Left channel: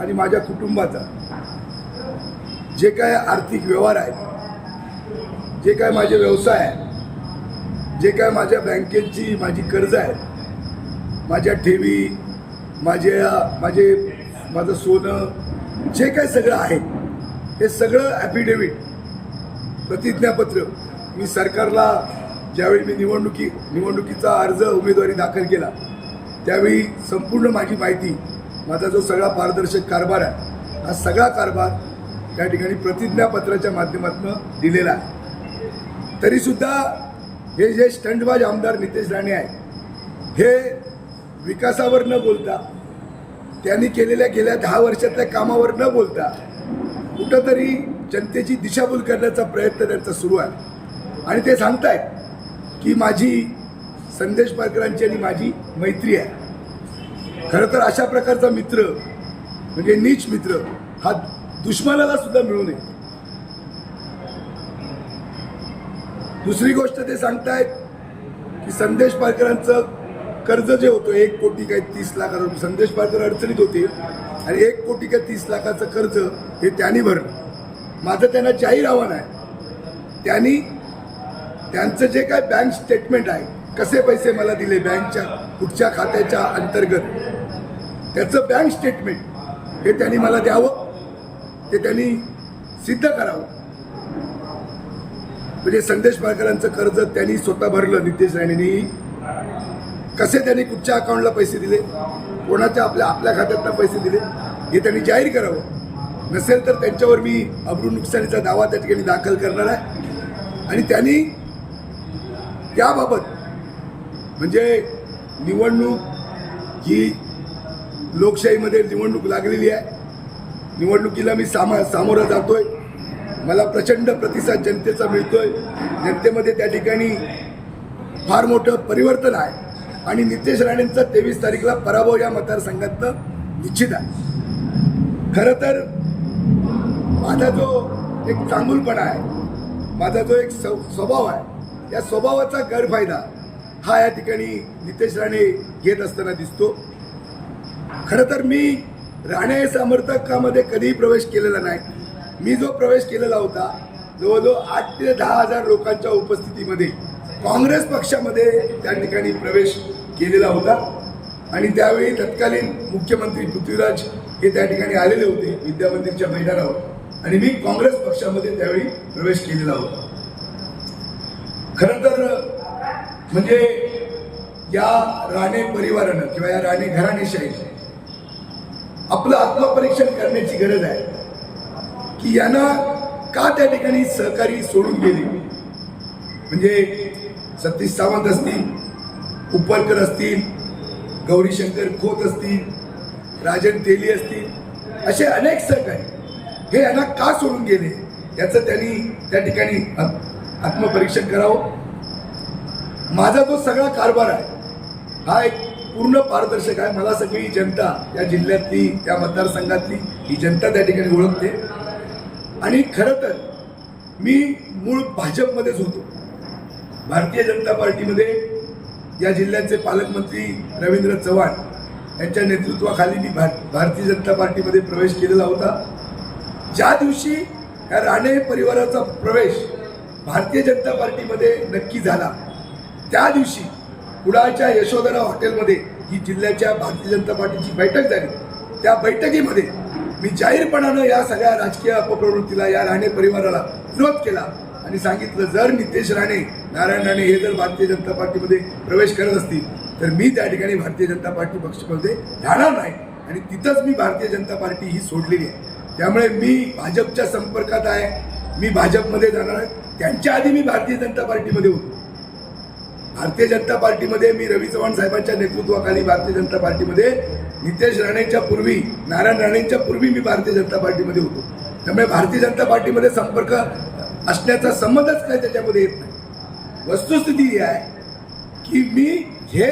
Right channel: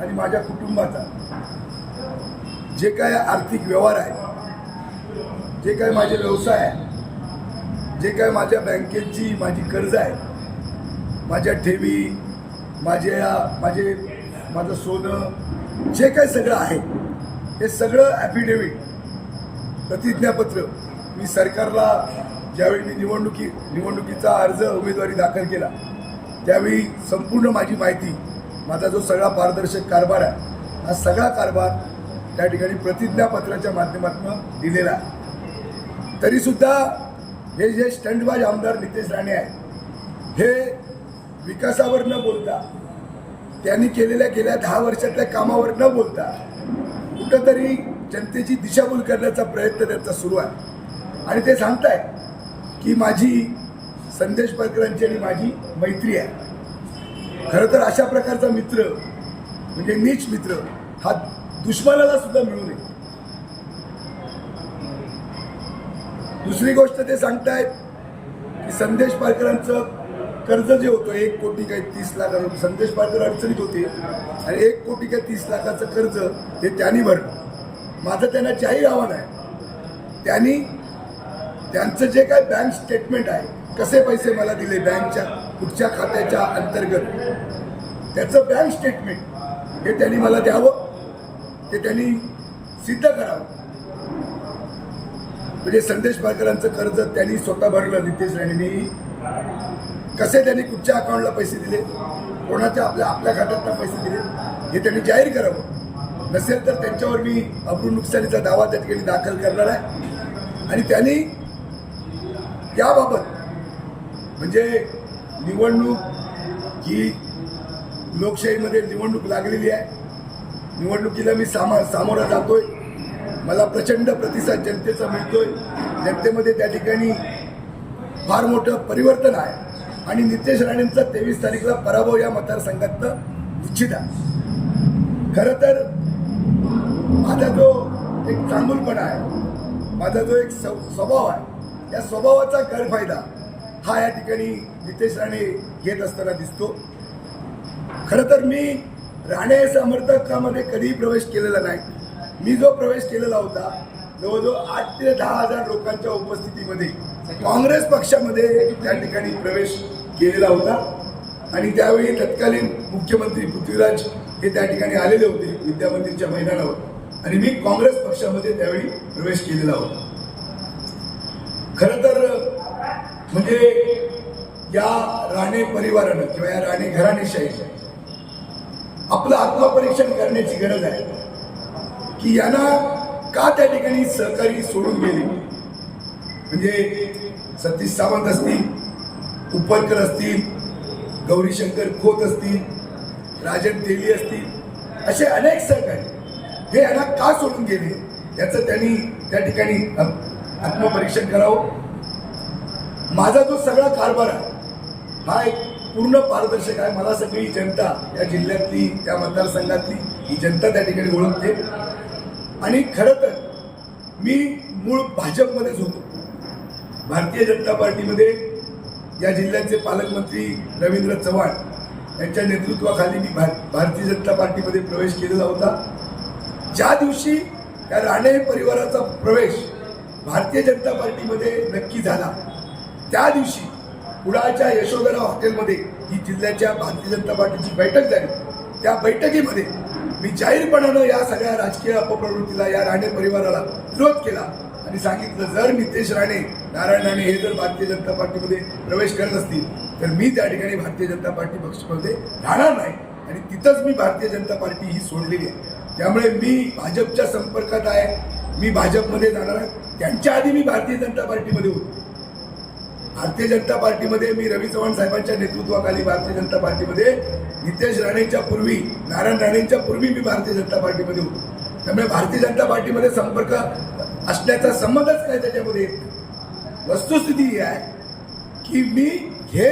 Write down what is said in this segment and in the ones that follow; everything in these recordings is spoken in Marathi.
आणि माझ्या कुटुंबाचा. जे काय आर्थिक व्यवहार आहेत जे काय माझे व्यवसाय आहे जे काय माझ्या बँकेची माझी कर्ज आहेत माझ्या ठेवी माझ्या माझे माझं सोनं जे काय सगळं आहे हे सगळं ॲफिडेव्हिट प्रतिज्ञापत्र मी सरकारला ज्यावेळी मी निवडणुकी निवडणुकीचा अर्ज उमेदवारी दाखल केला त्यावेळी संपूर्ण माझी माहिती माझा जो सगळा पारदर्शक कारभार आहे हा सगळा कारभार त्या ठिकाणी प्रतिज्ञापत्राच्या माध्यमातून दिलेला आहे. तरीसुद्धा हे जे स्टंटबाज आमदार नितेश राणे आहेत हे विकासावर न बोलता त्यांनी केलेल्या गेल्या दहा वर्षातल्या कामावर न बोलता कुठंतरी जनतेची दिशाभूल करण्याचा प्रयत्न त्यांचा सुरू आहे. आणि ते सांगतायत की माझी संदेश पारकरांची आणि माझी मैत्री आहे. खरं तर अशा प्रकारचा मित्र म्हणजे नीच मित्र हा दुश्मनाला सुद्धा मिळू नये. दुसरी गोष्ट ते सांगतायत की संदेश पारकरांचं कर्ज जे होतं एक कोटी काय तीस लाख संदेश पारकर अडचणीत होते आणि एक कोटी काय तीस लाखाचं कर्ज हे त्यांनी भरलं. माझं त्यांना जाहीर आव्हान आहे. त्यांनी त्यांचं जे काय बँक स्टेटमेंट आहे कसे पैसे मला दिले बँकच्या कुठच्या खात्याच्या अंतर्गत? त्याचं बँक स्टेटमेंट हे त्यांनी मला द्यावं ते त्यांनी सिद्ध करावं. म्हणजे संदेश पारकरांचं कर्ज त्यांनी स्वतः भरलं नितेश राणेंनी. कसे त्यांनी कुठच्या अकाउंटला पैसे दिले? कोणाच्या आपल्या आपल्या खात्यातनं पैसे दिले? हे त्यांनी जाहीर करावं. नसेल तर त्यांच्यावर मी अब्रू नुकसानीचा दावा त्या ठिकाणी दाखल करणार आहे. आणि त्यांनी याबाबत म्हणजे निवडणूक ही लोकशाहीमध्ये निवडणूक लागलेली आहे. निवडणुकीला मी सामा सामोरं जातोय. मला प्रचंड प्रतिसाद जनतेचा मिळतोय. जनतेमध्ये त्या ठिकाणी फार मोठं परिवर्तन आहे. आणि नितेश राणेंचा तेवीस तारीखला पराभव या मतदारसंघातनं निश्चित आहे. खरं तर माझा जो एक चांगुलपणा आहे माझा जो एक स्वभाव आहे या स्वभावाचा गैरफायदा हा या ठिकाणी नितेश राणे घेत असताना दिसतो. खरं तर मी राणे समर्थकामध्ये कधीही प्रवेश केलेला नाही. मी जो प्रवेश केलेला होता जवळजवळ आठ ते दहा हजार लोकांच्या उपस्थितीमध्ये काँग्रेस पक्षामध्ये त्या ठिकाणी प्रवेश केलेला होता. आणि त्यावेळी तत्कालीन मुख्यमंत्री पृथ्वीराज हे त्या ठिकाणी आलेले होते विद्या मंदिरच्या मैदानावर. आणि मी काँग्रेस पक्षामध्ये त्यावेळी प्रवेश केलेला होता. खरं तर म्हणजे या राणे परिवारानं किंवा या राणे घराणेशाहीनं आपलं आत्मपरीक्षण करण्याची गरज आहे. की यांना का त्या ठिकाणी सहकारी सोडून गेले? म्हणजे सतीश सावंत असतील उपरकर असतील गौरीशंकर खोत असतील राजन तेली असतील असे अनेक सहकारी हे यांना का सोडून गेले? याचं त्यांनी त्या ठिकाणी आत्मपरीक्षण करावं. माझा जो सगळा कारभार आहे हा एक पूर्ण पारदर्शक आहे. मला सगळी जनता या जिल्ह्यातली या मतदारसंघातली ही जनता त्या ठिकाणी ओळखते. आणि खरं तर मी मूळ भाजपमध्येच होतो. भारतीय जनता पार्टीमध्ये या जिल्ह्याचे पालकमंत्री रवींद्र चव्हाण यांच्या नेतृत्वाखाली मी भार भारतीय जनता पार्टीमध्ये प्रवेश केलेला होता. ज्या दिवशी या राणे परिवाराचा प्रवेश भारतीय जनता पार्टीमध्ये नक्की झाला त्या दिवशी कुडाळच्या यशोधरा हॉटेलमध्ये ही जिल्ह्याच्या भारतीय जनता पार्टीची बैठक झाली. त्या बैठकीमध्ये मी जाहीरपणानं या सगळ्या राजकीय अपप्रवृत्तीला या राणे परिवाराला विरोध केला आणि सांगितलं जर नितेश राणे नारायण राणे हे जर भारतीय जनता पार्टीमध्ये प्रवेश करत असतील तर मी त्या ठिकाणी भारतीय जनता पार्टी पक्षामध्ये राहणार नाही आणि तिथंच मी भारतीय जनता पार्टी ही सोडलेली आहे. त्यामुळे मी भाजपच्या संपर्कात आहे मी भाजपमध्ये जाणार आहे. त्यांच्या आधी मी भारतीय जनता पार्टीमध्ये होतो. भारतीय जनता पार्टीमध्ये मी रवी चव्हाण साहेबांच्या नेतृत्वाखाली भारतीय जनता पार्टीमध्ये नितेश राणेंच्या पूर्वी नारायण राणेंच्या पूर्वी मी भारतीय जनता पार्टीमध्ये होतो. त्यामुळे भारतीय जनता पार्टीमध्ये संपर्क असण्याचा संबंधच काय त्याच्यामध्ये येत नाही. वस्तुस्थिती ही आहे की मी हे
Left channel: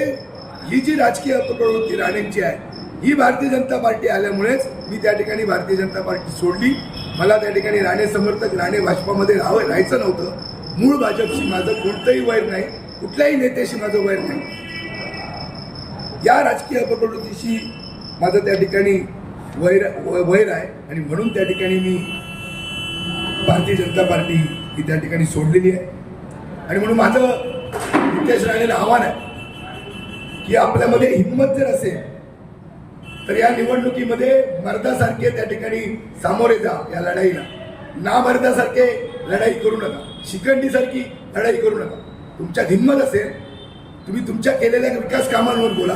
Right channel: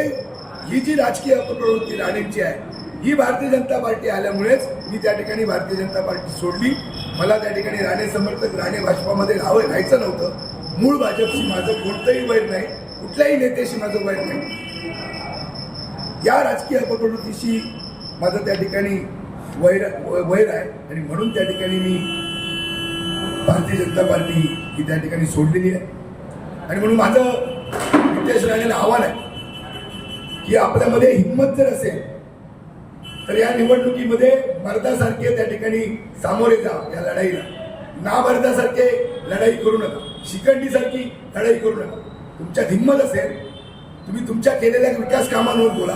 ही जी राजकीय प्रवृत्ती राणेंची आहे ही भारतीय जनता पार्टी आल्यामुळेच मी त्या ठिकाणी भारतीय जनता पार्टी सोडली. मला त्या ठिकाणी राणे समर्थक राणे भाजपामध्ये राहावं राहायचं नव्हतं. मूळ भाजपशी माझं कोणतंही वैर नाही. कुठल्याही नेत्याशी माझं वैर नाही. या राजकीय अपप्रवृत्तीशी माझं त्या ठिकाणी वैर वैर आहे. आणि म्हणून त्या ठिकाणी मी भारतीय जनता पार्टी ही त्या ठिकाणी सोडलेली आहे. आणि म्हणून माझं नितेश राणेला आव्हान आहे की आपल्यामध्ये हिंमत जर असेल तर या निवडणुकीमध्ये मर्दासारखे त्या ठिकाणी सामोरे जा या लढाईला. ना मर्दासारखे लढाई करू नका. शिखंडीसारखी लढाई करू नका. तुमच्यात हिंमत असेल तुम्ही तुमच्या केलेल्या विकास कामांवर बोला.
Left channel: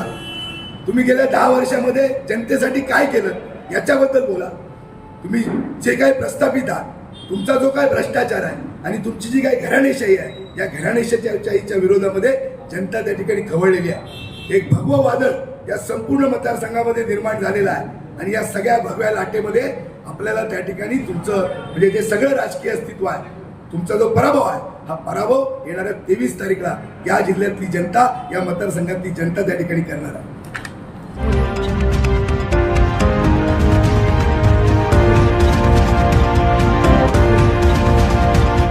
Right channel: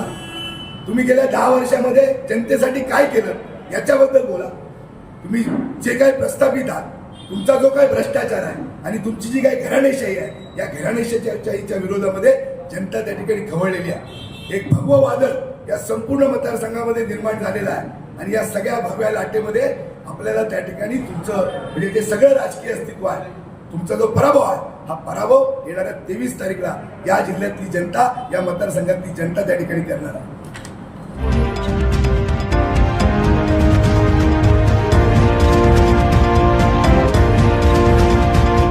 तुम्ही गेल्या दहा वर्षामध्ये जनतेसाठी काय केलं याच्याबद्दल बोला. तुम्ही जे काय प्रस्थापित आहात तुमचा जो काय भ्रष्टाचार आहे आणि तुमची जी काही घराणेशाही आहे या घराणेशाहीच्या विरोधामध्ये जनता त्या ठिकाणी खवळलेली आहे. एक भगवं वादळ या संपूर्ण मतदारसंघामध्ये निर्माण झालेला आहे आणि या सगळ्या भगव्या लाटेमध्ये आपल्याला त्या ठिकाणी तुमचं म्हणजे जे सगळं राजकीय अस्तित्व आहे तुमचा जो पराभव आहे हा पराभव येणाऱ्या तेवीस तारीखला या जिल्ह्यातली जनता या मतदारसंघातली जनता त्या ठिकाणी करणार आहे.